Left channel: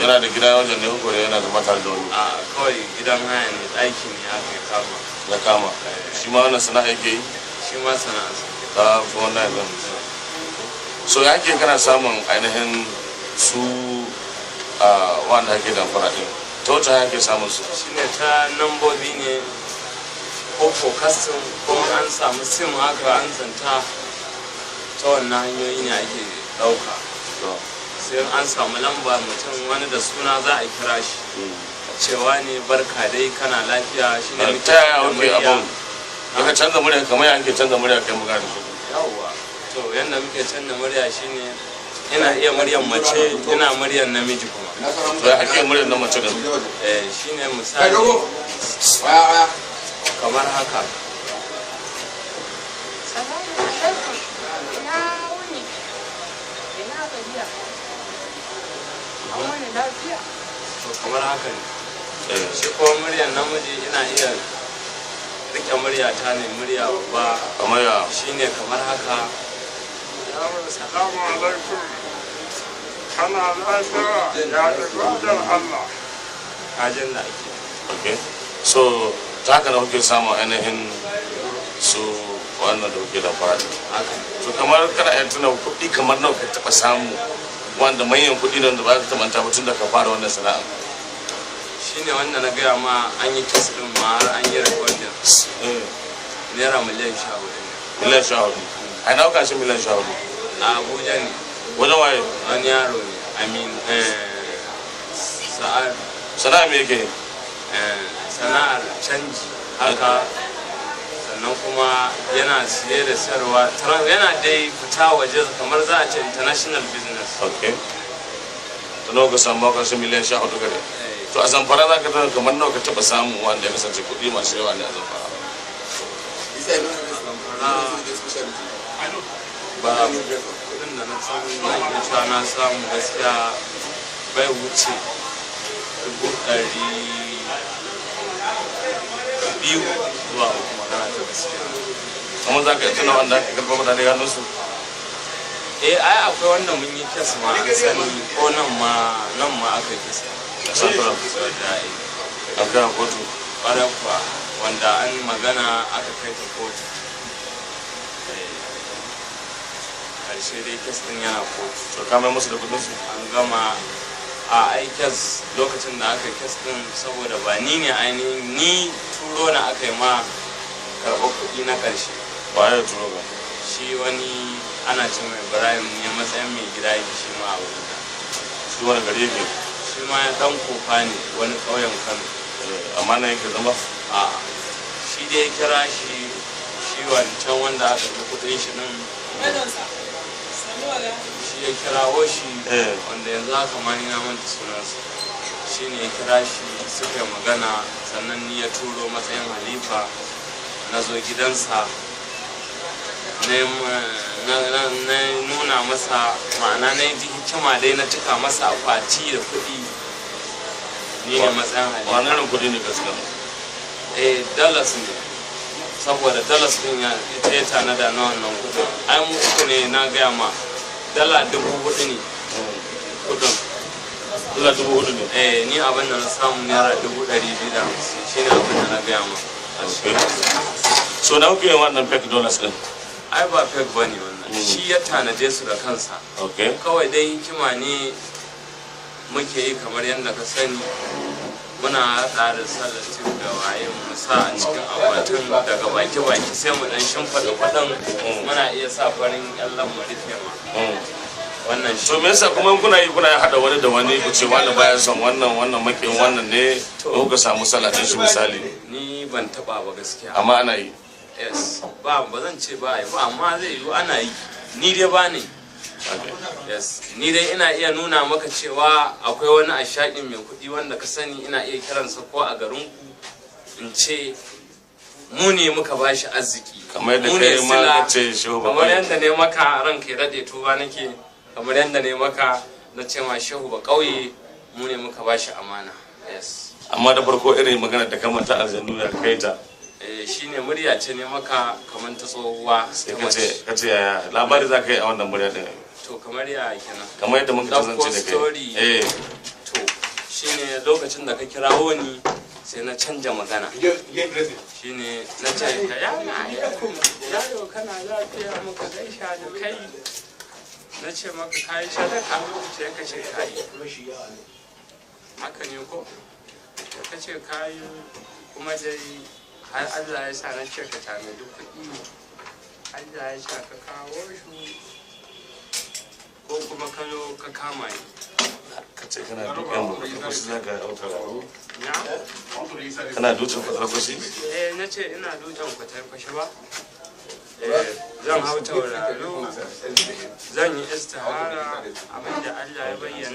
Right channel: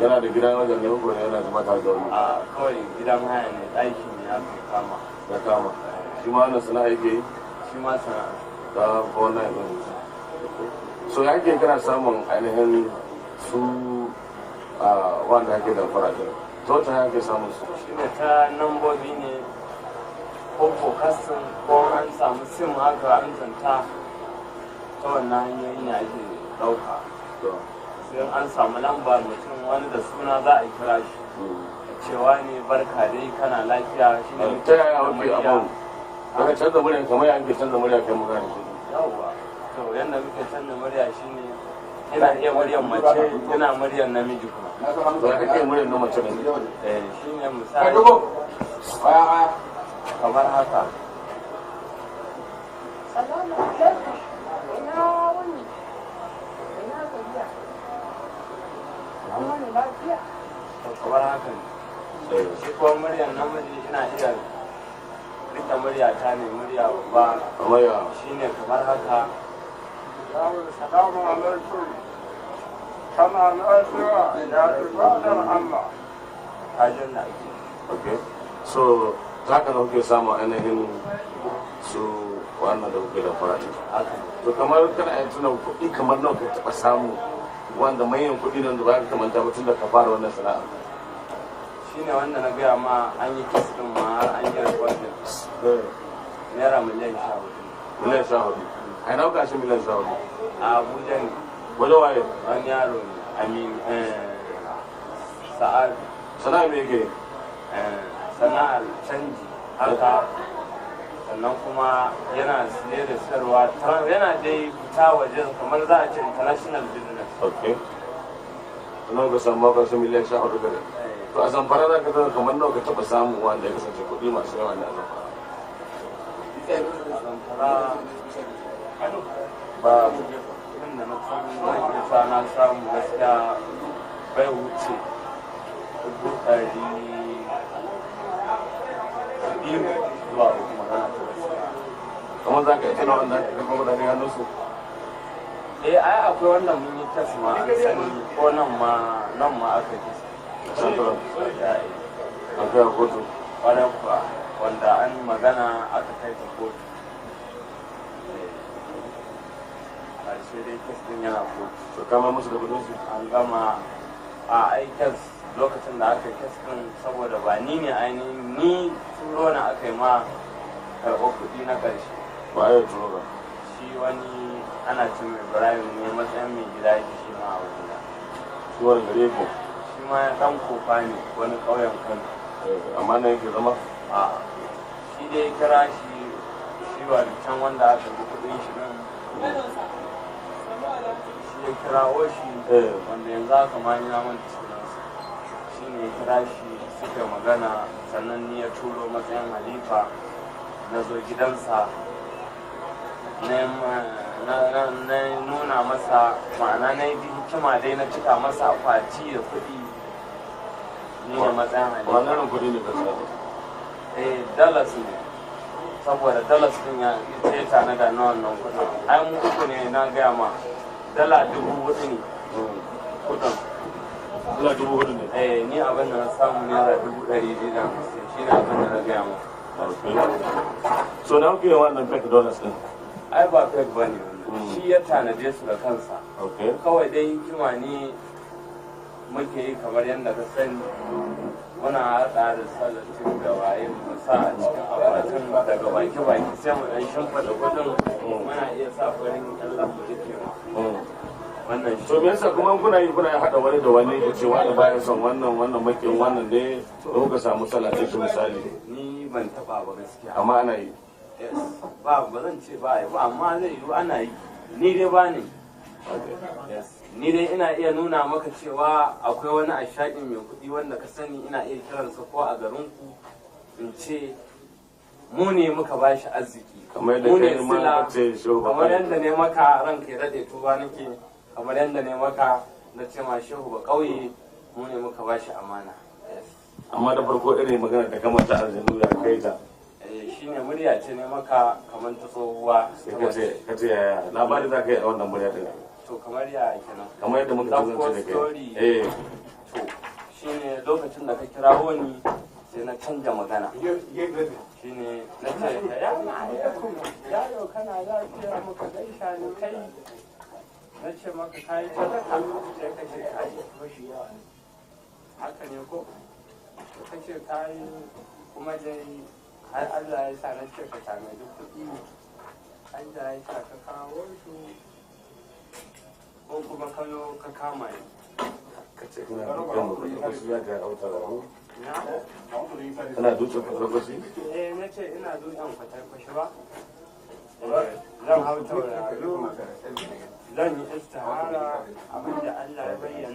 yana da gida wajen ne ko ne yana zama tare da wani? A kawai gidan haya ne, ɗaki ne aka yi kama. Ya kama. Shi ma wannan sana'a yake yi? Shi ma sana'a. Ta fi wannan yanzu. So ya ke kana samun ainihin su wanda ake damfara ɗin? Ta wacce hanya ake samun su? Shi ne ta nambobi ne ko kastin ko an samu sim haka an zanta ta wannan hanyoyi ne ake ɗauka. Sai an samu lamba mutum wani da suna za a kira shi cewa ne barka dai kana lafiya shi ne ta yaya wuke abin daga canza murya kamar ya ake canza murya kai magana shi yawwa to yadda muke canza murya shine ina iya muryan mace ina muryan namiji kuma to ya ake muryan na mace da shine misali kamar haka salamu alaikum ya wuni ina gajiya an wani lafiya kamar haka ne shi kuma muryan namiji ina iya rike muryata ne murya babba kamar ya shine kamar haka yawon salamu alaikum kana lafiya ya ibadar Allah kajin da okay so ta haka da kuke samun ainihin su wannan da kuke da fara to kamar kana iya tuna kuɗi kamar nawa ka taɓa samu wanda manyan kuɗi ne wanda ba ka taɓa tun da ka fara wannan sana'a shine wanda na gaya ma an yi kes din ma har an yi recording naira miliyan 14 miliyan 14 a ina kuka shi miliyan 14 a Abuja ne wajen waye wani yaro ne amin sa'ar sana'a me yake sana'ar canji haka sannan kuma yana siye da sayarwa yana dai fita waje kamar za a ce international business okay to nawa ka samu ka shi miliyan 14 gare to a zamfara za ka tana kamar nawa ka taɓa samu wanda ya kasance kuɗi masu yawa da a zamfara ba kudin da na samu sha na samu gaskiya bai wuce 200 zuwa 3 magana ta gaskiya kamar za ka yi tuna wanda ake karɓar kuɗaɗe hannun su ai akwai wanda mun yi kes ma an sani ko nan ma aka yi kes da santura an kai a kotu ƙwarai kuwa wanda an magana aka kai ta kotu ƙarshe dai kes ɗin yana kotu to kama musu da kudin su an gama a aikes lokacin da aka yi kes ɗin saboda ba ni ne ainihin ni turo na aka yi ma karɓar kuɗi na ƙarshe ba ya turo ba shi wani ana ce mai Ibrahim ne matsayin mai gida yake shi ma a wurina shi wani kare yake shi ma ya ɗan kofa ne wani ƙauyen Kano amma na yake zama a shi dai ya kira shi wancan wanda aka karɓi kuɗin shi ɗin shi ya kirawo shi wanda yanzu haka ma ni na manta sunansa shi ne ya kira shi suka yi magana sannan ni ya turo matsayin halifa na zo gidansa na nuna masa ma'ana na yi hikima dai na cika masa akwati da kuɗi ni ne matsayin halifa wani irin kuɗi ne kaskar dalas ne saboda dalas din ya ita ya tanada na wannan kudin ai mu uku ne na gaya ma dala 4,000 ne kudin dala 4,000 ne ni abin da na samu naira 250 shine abin da na gaya ma so na kuke wannan fake dollars din ai ba fake bane wannan shi ya tanade su da kansa kawai dai hikima ne muke yi kamar yadda ka sani muna haɗa da salatin da waye mu sa a cikin akwatin daga baki sai mu dan shimfiɗa kuɗin muna iya sa farin yallan mu rufe ma wannan shi to me yasa kuma kuna haɗa wani da wani ku ce wani baya son wannan makin wannan ne ko ka samu salatin shi misali ni ban taɓa ba gaskiya amma ana yi yes ba zan ce ba amma zai yi ana yi ni dai ba ne yes ni dai ina iya nuna maka cewa akwai wani ashaƙin mai kuɗi wanda ka sani ina iya kiransa ko a garin in ce mu ne muka bashi arziki kamar yadda kai ma ce shehu ba kamar yadda ne maka ranka ya daɗe tuba nake kamar yadda ne maka na ce ma shehu ba ƙauye mu ne muka bashi amana yes amma da farko irin magana da kamar ta aljanu ya kai ta shine murya ce ne maka kamar ta tsohuwa ta mace kace yaya labari za ka yi a wannan murya din to kamar ya kenan kamar yadda muka kasance da kai to shine lokacin da ka kirawo ni sai na canja magana shine na ce salamu alaikum yaro kana lafiya muka gaisha da kai na ce maka kayi sadaka sai ka ce kayi haka ne ko sai ka ce kayi kuma dai har Allah ya sa na ce ka tanadi kuɗi Allah ya sa ka kawo shi ko kuma ka zo ka kama ni ka ce kana dukan babban kwashi za ka auta na kana dukan babban kwashi na ce ina dukan kwatar kwashi ba zan hau tauraro zan yi istihara abinda Allah ya bayyana